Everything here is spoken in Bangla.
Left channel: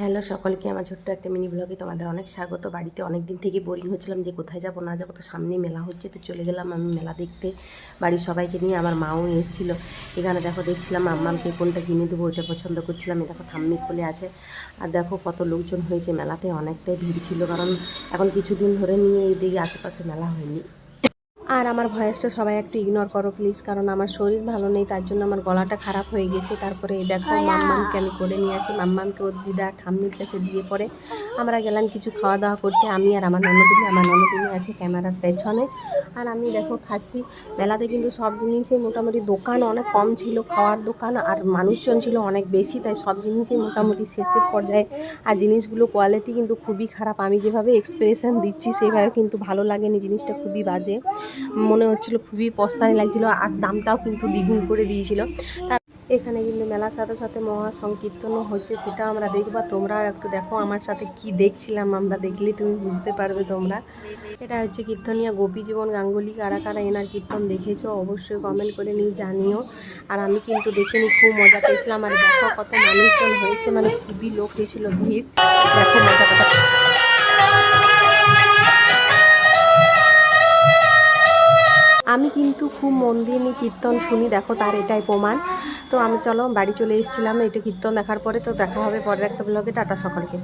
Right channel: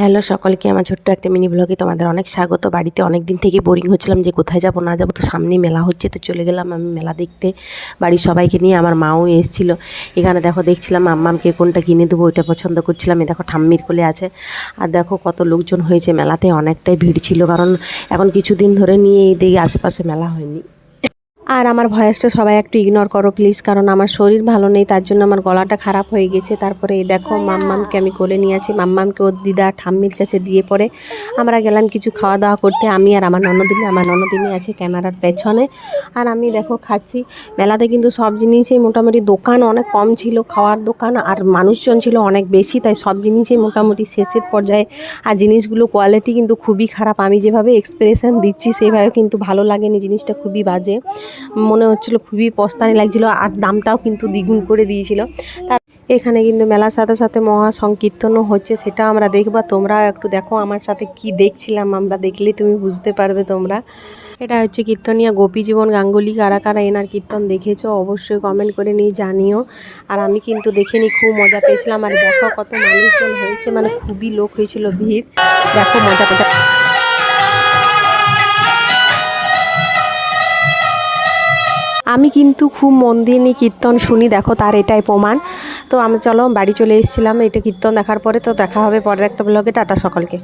হ্যালো সকলকে, আমার ছোট্ট একটা মিনি ব্লগে তোমাদের অনেক স্বাগত। বাড়িতে অনেক দিন থেকে বোরিং হচ্ছিলাম যে কোথায় যাব, না যাব, তো সামনেই মেলা হচ্ছে, তো চলে গেলাম আমি মেলা দেখতে। বাড়ির সবাইকে নিয়ে আমার মাও এসেছিল। এখানে দেখো, দেখছিলাম আম্মামকে কোনটা কিনে দেবো, ওইটা পছন্দ করছিলাম। এই দেখো, ঠাম্মির কোলে আছে। আর দেখো, কত লোকজন হয়েছে, মেলাতে অনেকটাই ভিড় ছিল, কারণ এখন কিছুদিন ধরে নিয়ে এই দিকে আশেপাশে মেলা হয়নি। আর আমার ভয়েসটা সবাই একটু ইগনোর করো প্লিজ কারণ আমার শরীর ভালো নেই তার জন্য আমার গলাটা খারাপ হয়ে গেছে। তারপরে এই দেখো মাম্মামকে আমি কোলে নিয়ে আছি। মাম্মামকে ওর দিদা ঠাম্মির কাছে দিয়ে পরে আমরা গেলাম কিছু খাওয়া দাওয়া করতে। আমি আর আমার ননদিনী আমার ননদিনী আছে ক্যামেরার পেছনে। আর আমি দেখো খাচ্ছি। মেলাতে কিন্তু সব জিনিসই মোটামুটি দোকান অনেক কম ছিল খাওয়ার দোকান আর মানুষজন ছিল অনেক বেশি তাই সব জিনিসই মোটামুটি শেষের পর্যায়ে। আর জিনিসগুলো কোয়ালিটি কিন্তু খুবই খারাপ। আমি যেভাবে এক্সপ্রেশন দিচ্ছি সেভাবে কিন্তু ভালো লাগেনি জিনিসটা খুবই বাজে। মনে হচ্ছিল খুবই পস্তানি লাগছিল, আর দামটাও কিন্তু দ্বিগুণ করে দিয়েছিল। তার এখানে কিন্তু মেলার সাথে সাথে মহা সংকীর্তনও হচ্ছে সেটা আমরা দেখব। তোমরা একটু দেখো আমার সাথে কি দেখছিলাম, আমরা দেখলেই তুমি বুঝতে পারবে তোমরা। এটা হচ্ছে কীর্তনিয়া গোপী জীবন গাঙ্গুলি। কারা কারা এনার কীর্তন দেখেছ অবশ্যই কমেন্ট করে নিয়ে জানিও। আর আমি কিন্তু দেখিনি খুব মজা পেয়েছিলাম। আর দেখো কত মানুষজন হয়েছে মানে খুবই লোক হয়েছিল ভিড়। দেখো মজা মজা কিন্তু খুব মন দিয়ে নিয়ে কীর্তন শুনি, দেখো তার এটাই প্রমাণ। তো আমি, চলো, বাড়ি চলে এসেছিলাম, এটা কীর্তন দেখার পরে তো দেখা হবে পরের একটা ব্লগে টাটা সকলকে।